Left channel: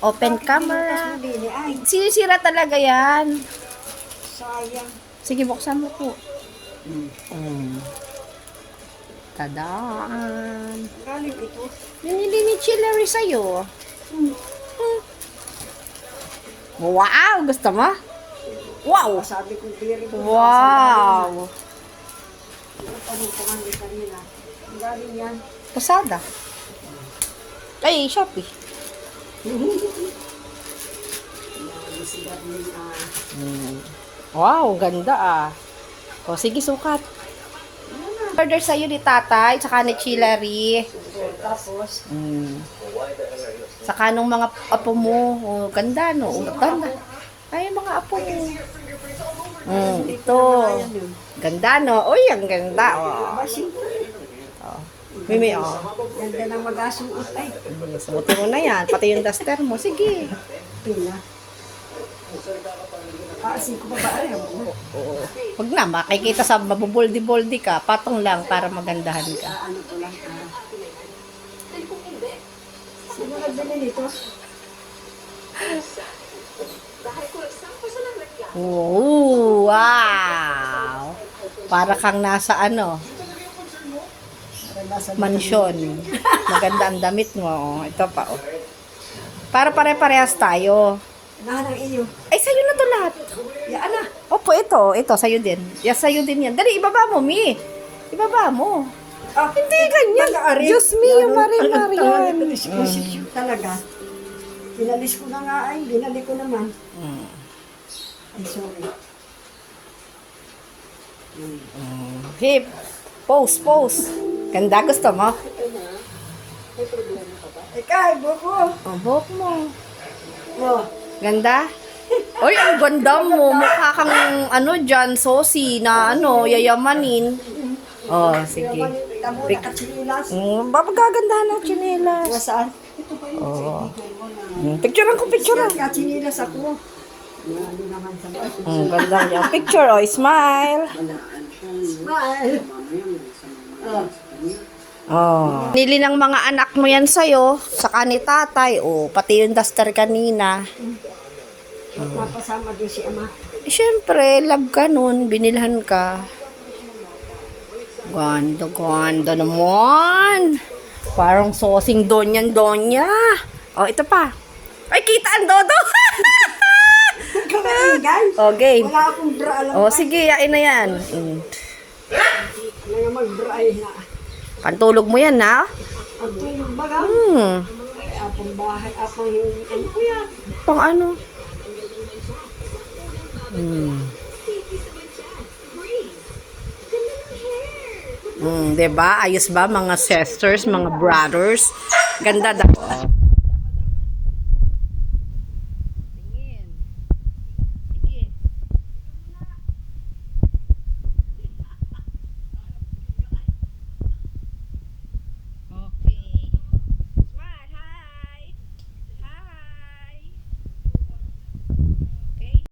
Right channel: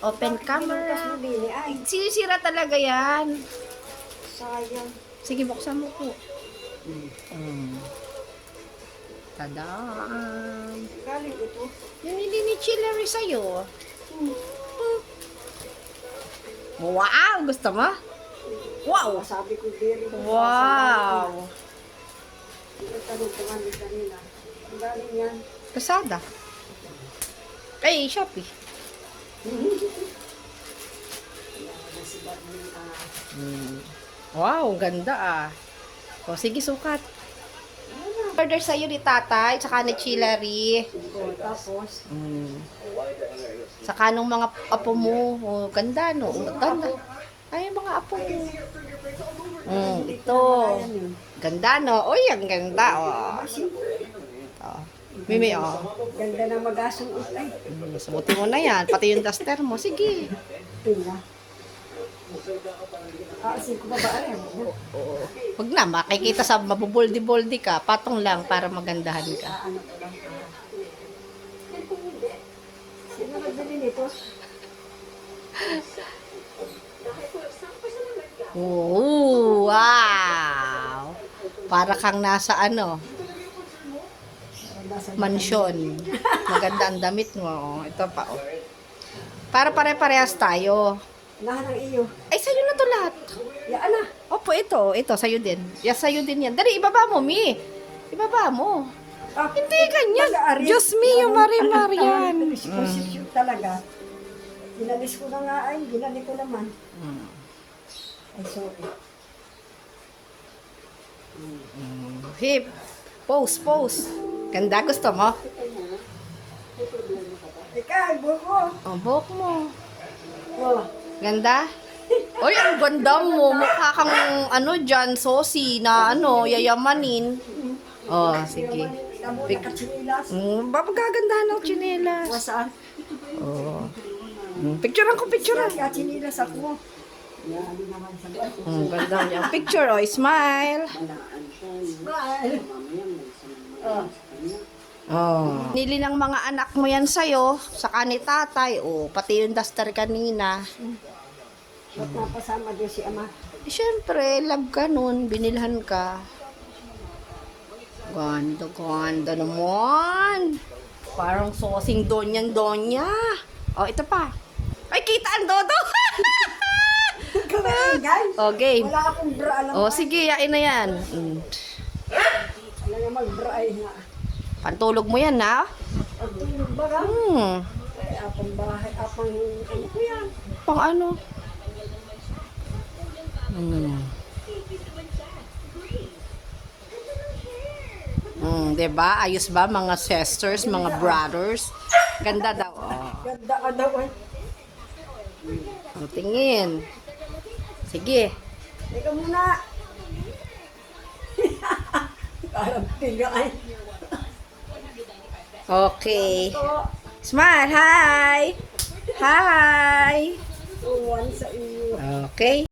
Open camera. Sinisira talaga yan. sayang. Sige, buksan mo po. Mm. Tadaan. Galing ito. Binili ni Chillery sa'yo. Hmm. Wow! Gusto mo? Wow! Sabi ko, good. Wow! Tanong ko ni kanila. Ang galing yan. Kasada. Ay, Shopee. Ah. Wow, ganda ah. O, sige, sukat. Order sa'yo ni tatay, tsaka ni Chillery. Tapos, Mm. Saka nung mga apo mo, oh, ganda no, oh, ganda. Ay, yung mga apo mo. Mm, ito. Ganda no. Uy, ang ganda. Oh. Mimi, oh. Ganda ng mag-asuot ay. Mm, Subutin mo na yan. Pati yung duster mo. Sige. Pina. Ah, ko pa ba? Ay, mo. Huwag na, makikita sa mabuboldi-boldi ka. Patong lang para magandahan ka. Ah, ano ko lang. Ah. Sino nagbili nito? Oh, wow! Para kang nasa ano, Para mansyon. Maganda ang damit mo. Oh. Ito pa, oh. Para pare-parehas tayo. Lahat ng iyo. Ay, sa'yo na to lahat. Yan na. Opo, ito. Ito, sa'yo din. Yes, sa'yo din yan. Dali, ibaba mo, Mi. Ibaba mo. Ah, Hindi ganyan. Mag-aari. Diyos me, yung Ano, mari-mari yan. Siya talaga. Inalis ko na nga ay, binalik ko naman. Mm. Ay, sorry. Hip. Pose, pose. Ganda, gusto mo? Teka, buko. Oh, buhok mo. Oh, Ganda? Uy, ang ganda mo. Mukha kang, ano, John Sosi na, ano, yayamanin. Oh, sige. katsinilas. Mm, papagandahan ng chinelas. Nasaan? Oh. Mm, picturean ko, picturean. Ako. Ano naman sa mga. Mm, ganda niya. Picture, oh, smile. Smile. Oh, Oh. Nili ng mga anak mo yan sa'yo, saka ni tatay, oh, pati yung duster kanina. napasama din si ama. Eh, Siyempre, love ka nun, binilhan ka. Ganda, ganda naman. Parang sosing donyan donya. Oh, ito pa. Ay, kita ang dodo. Oh, game. Wala akong bra alam. Oh, sige, yain na yan. Mm. Wala nga mag-bra ay na. Pantulog mo yan, ha? Ang tulog ba ka? Hmm. Ay, apang bahay, apang ano ko yan. Pang ano? Hmm. Hmm, 'di ba? Ayos ba mga sisters, mga brothers? Ganda daw. Oh. Ganda ka daw eh. Oh, tingin. Sige. Teka muna. Parang tiga ay. Okay. Smile. Hi. Hi. Okay.